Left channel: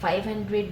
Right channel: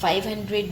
500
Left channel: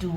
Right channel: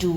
2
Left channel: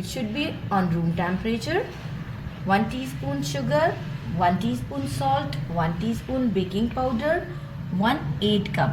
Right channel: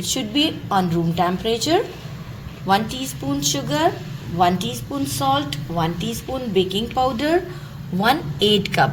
It should be on room temperature, 1 teaspoon sugar, 1 teaspoon salt, 1 teaspoon baking powder, 1/8 cup۔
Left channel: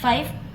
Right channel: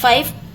5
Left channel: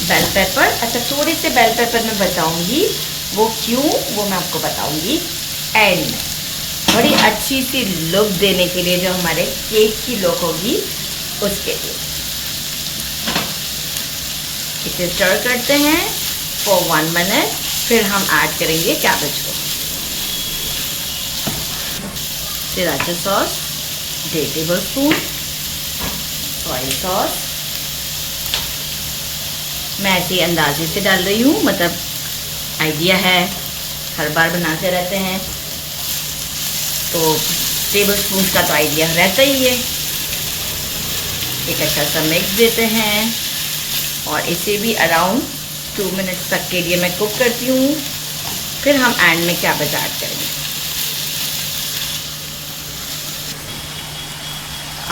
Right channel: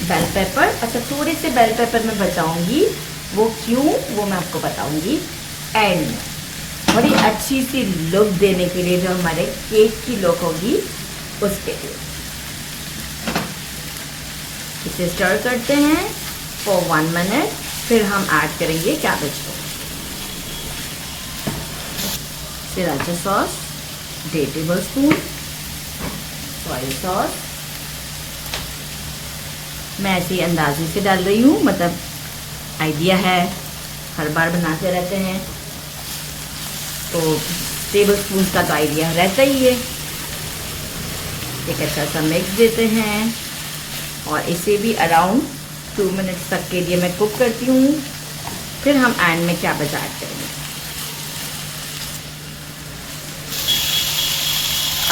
bell pepper. अच्छा, थोड़े से bell pepper मैं बचाऊंगी, वो क्यों वो मैं आपको बताऊंगी एंड में। बड़ी अच्छी सी लुक देने के लिए, जो हमारे केक की लुक होगी उसके लिए। इसे स्टर करते हैं फॉर 1 मिनट, फिर हम ऐड करेंगे कैबेज को। Sriracha sauce 1.5 tablespoon, soya sauce मैं ऐसे ही अंदाजे से डाल रही हूँ, मतलब आइडिया है, हर बार बनाते रहते हैं तो टेबल स्पून का तो आइडिया रहता ही है। एक अच्छा सा मिक्स देते हैं और इसे भी अराउंड 2 मिनट्स तक के लिए मैं कुक करती हूँ। फिर हम एंड में कैबेज ऐड करेंगे।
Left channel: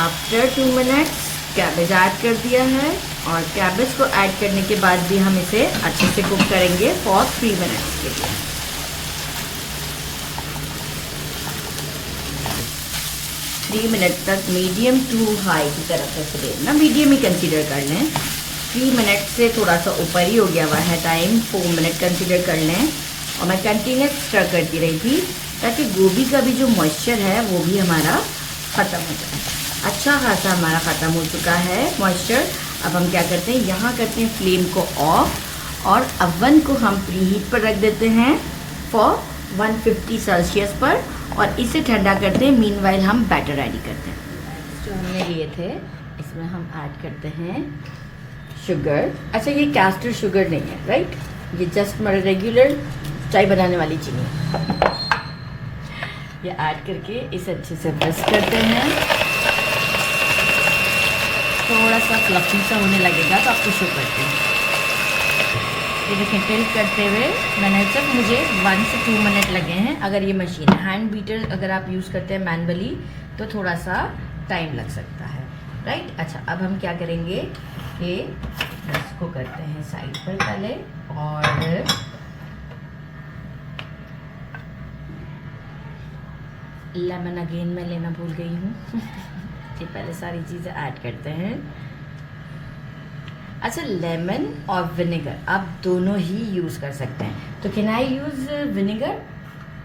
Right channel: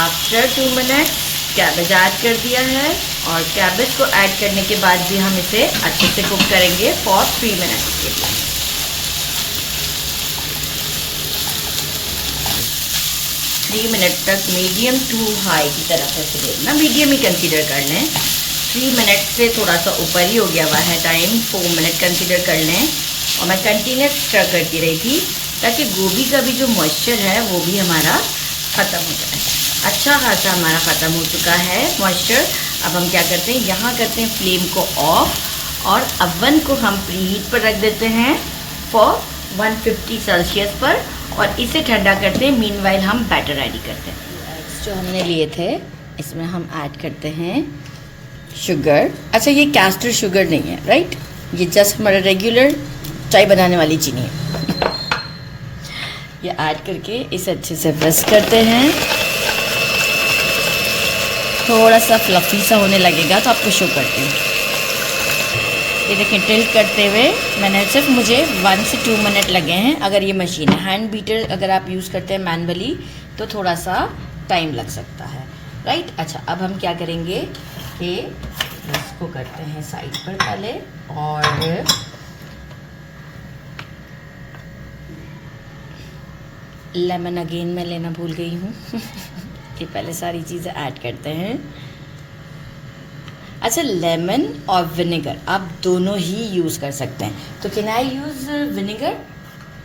आफ्टर 2 मिनट्स कैबेज ऐड कर दिया है और कैबेज को ऐड करने के बाद भी हम इसे अच्छे से कुक करेंगे फॉर 3 मिनट्स के लिए। 3 मिनट तक मीडियम टू हाई की तरफ से देखना, मीडियम ही कंसीडर कर लें। 3 मिनट से थोड़ा सा ऊपर ही हो गया हुआ है टाइम, 4 मिनट कंसीडर कर लें। और मैं कंटिन्यूस स्टर करती रही थी ताकि गोभी का भी जो मॉइस्चर है वो भी हमारा ख़त्म हो जाए। अच्छा खासा हमारा ख़त्म हो चुका है मॉइस्चर। अब हम क्या करते हैं, यहाँ करते हैं फ्लेम को ऑफ और अवन को हम प्री हीट पर रख देते हैं फॉर 150 सेल्सियस पर और इसे ठंडा करते हैं। मीनवाइल हम बैटर रेडी करते हैं। जो हमने लिए थे इसमें हम ऐड करते हैं शुगर। अच्छा, ये कैस्टर शुगर नहीं है, राइट, ये जस्ट हमारा रेगुलर चाय बनाने वाली चीनी है। ये ऐड करके इसे अच्छे से मिक्स करते हैं। थोड़ा सा फ्लफी सा होने लगेगा तो आपको शो करती हूँ। ये देखिए, टिल्ट करते हुए मैंने सिर्फ मुझे 1 से 2 मिनट लगे हैं। अगर ये मशीन है, हैंड बीटर अगर आप यूज़ करते हैं मैनुअली तो थोड़ा सा टाइम लग सकता है, राइट। अच्छा, अब हम क्या करेंगे कि इसको करते हैं साइड पर पहले और लेमन अगेन मैं लेना भूल गई हूँ। ये पहले सारी चीज़ें ऐड करते हैं। अच्छा, लेमन और विनेगर आप दोनों ही यूज़ कर सकते हैं। तो can I use vinegar?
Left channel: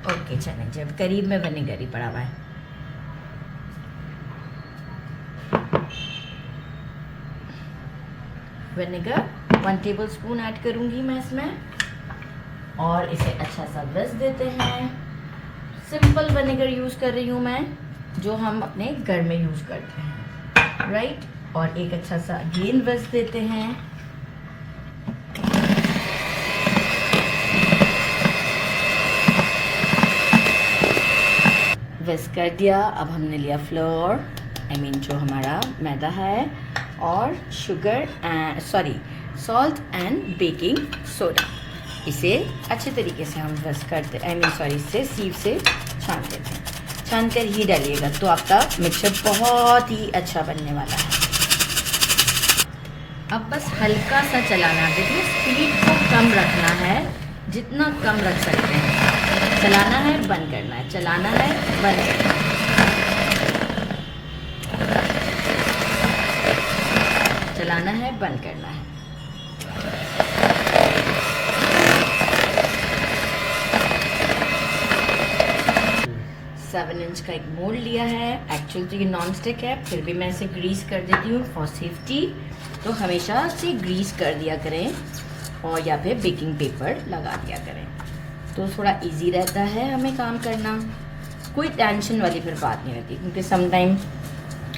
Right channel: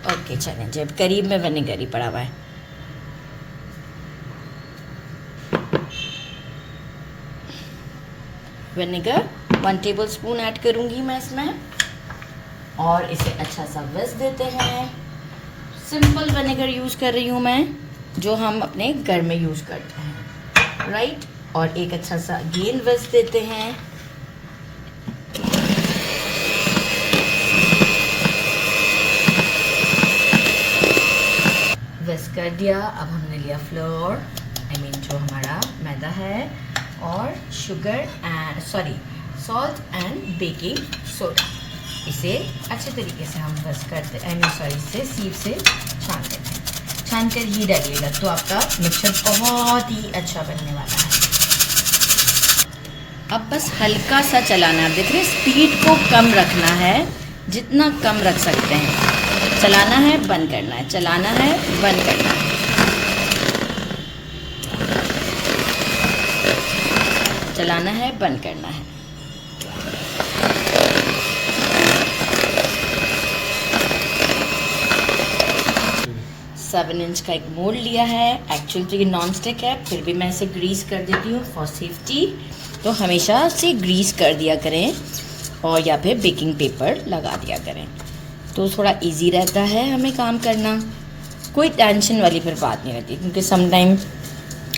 Okay, चलें, जब करीब में विनेगर ही पड़ा हुआ है। विनेगर 1 टेबलस्पून ऐड करूँगी मैं इसमें और इसे अच्छा सा विस्क देते हैं। सिंपल विनेगर यूज़ कर रही हूँ मैं, जो हम अपने घर में यूज़ करते हैं, राइट। और एक अच्छा सा अगेन विस्क देते हैं। विस्क कर दिया। अब हमने लिया फ्लोर, आई मीन जो हमारा मैदा है, और sugar and salt and baking soda. इसे अच्छे तरीके से हम विस्क करते, इसे सीव से छान देते हैं। छान कर ही डालिएगा तो आपका मिक्सचर बहुत ही अच्छा बनने वाला है। अब बस हल्का सा चलाना है। देखिए, स्पीड को कम रखना है, जितना कम रख सकते हैं। चलाना है, बंद करना है, चलाना है, बंद करना है। चलाना है, बंद करना है। 7 इंच का एक मोल्ड लिया है। एक्चुअली तो ये नॉन स्टिक है, फिर भी मैं इसे ग्रीस कर देती हूँ फॉर सेफ्टी। तो हमेशा से ग्रीस कर दिया करें और या फिर बेकिंग पेपर लगा दिया करें, तो थोड़ा इजी रहता है हमें काम करना। कोई टेंशन वाली फिर बात नहीं रहती, क्योंकि समटाइम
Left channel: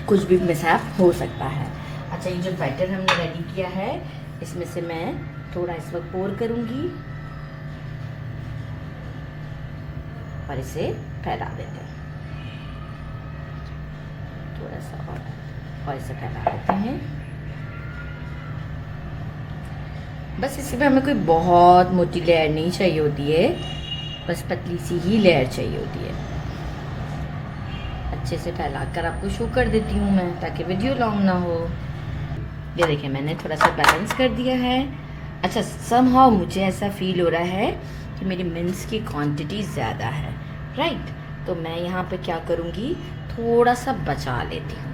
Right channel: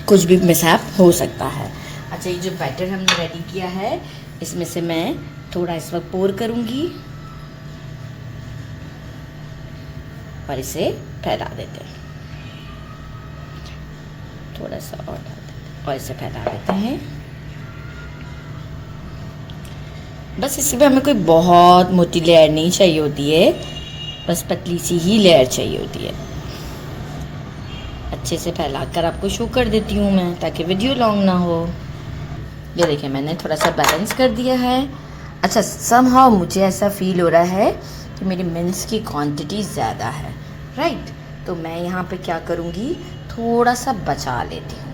कुछ भी मिसहैप हो सकता है। अच्छा, ये जो बैटर हमने रेडी किया है, इसमें से मैं थोड़ा इस वक्त पोर करूँगी और इसे फैला देते हैं। थोड़ा सा और इसे फैला देते हैं। बस इसी पे हमें कोई बहुत मोटी लेयर नहीं चाहिए होती है, बस पतली सी ही लेयर चाहिए होती है। अच्छे से फैलाकर आपको शो कर देती हूँ मैं, ताकि वीडियो लॉन्ग ना हो। ये देखिए, मैंने थोड़ा सा बैलेंस कर दिया है। अच्छा, समहाउ मुझे ऐसा फील हो रहा है कि मेरी मिन्स की क्वांटिटी ज़्यादा है, राइट। तो मैं यहाँ पे क्या करूँगी, थोड़ा सा बचा लेती हूँ,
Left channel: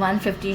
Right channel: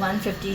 150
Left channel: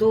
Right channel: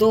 2